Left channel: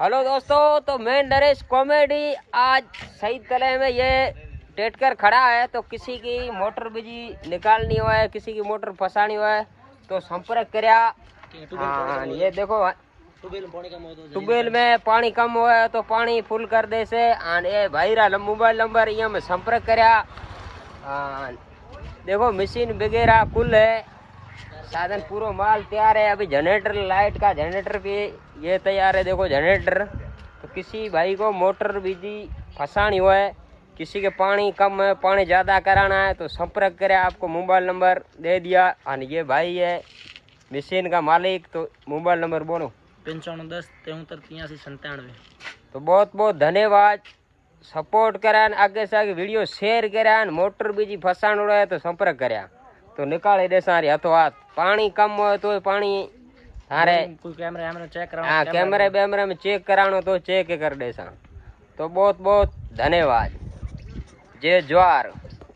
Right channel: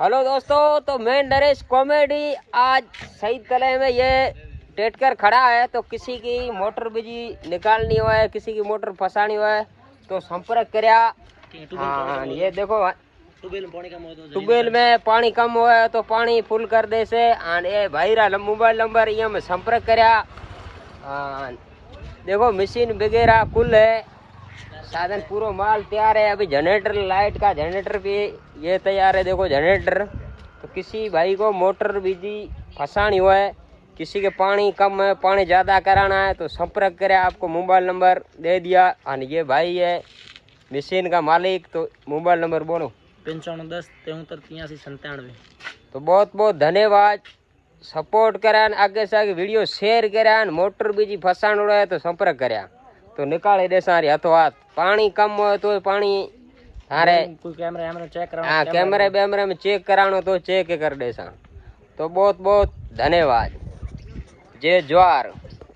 Hello दोस्तों, तो मैं नरेश कॉमेडी आज शहीद कले में ये टेटकर खड़ा है। तो किसी की मोटर बिजली निकालनी हो है, किसी की मोटर फंसानी हो है तो संपर्क करया। ये देखो ट्यूबवेल में पानी कम हो है तो पानी फुल कर दे से। ये भाई रा मोबाइल नंबर ये में संपर्क करया। देखो मशीन वगैरह कुल है, साधन पूरा माल तैयार है। अभी जनरेटर लाइट का जनरेटर भी ये तैयार है। देखो जनरेटर, तो किसी भाई को मोटर बिजली फंसानी हो है, किसी के पानी कम है, पानी ज़्यादा कराना है तो संपर्क करें। आपको मोबाइल नंबर दे दिया। और ये भाई है मशीन का मालिक। तो मोबाइल नंबर बोलो 5510 73 83 97। तो बहुत बहुत धन्यवाद। सपोर्ट करान, आगे से आगे वीडियो शेयर करान। मोटर बिजली फंसाणो है तो संपर्क कर्या तो निकाले दे सारी हाथों हाथ। पानी कम हो तो पानी थारे कोई कैमरा चेक कराओ, हाँ कैमरे में चेक करानो तो चेक कर दे सा। तो बहुत बहुत धन्यवाद। जय जवाहर।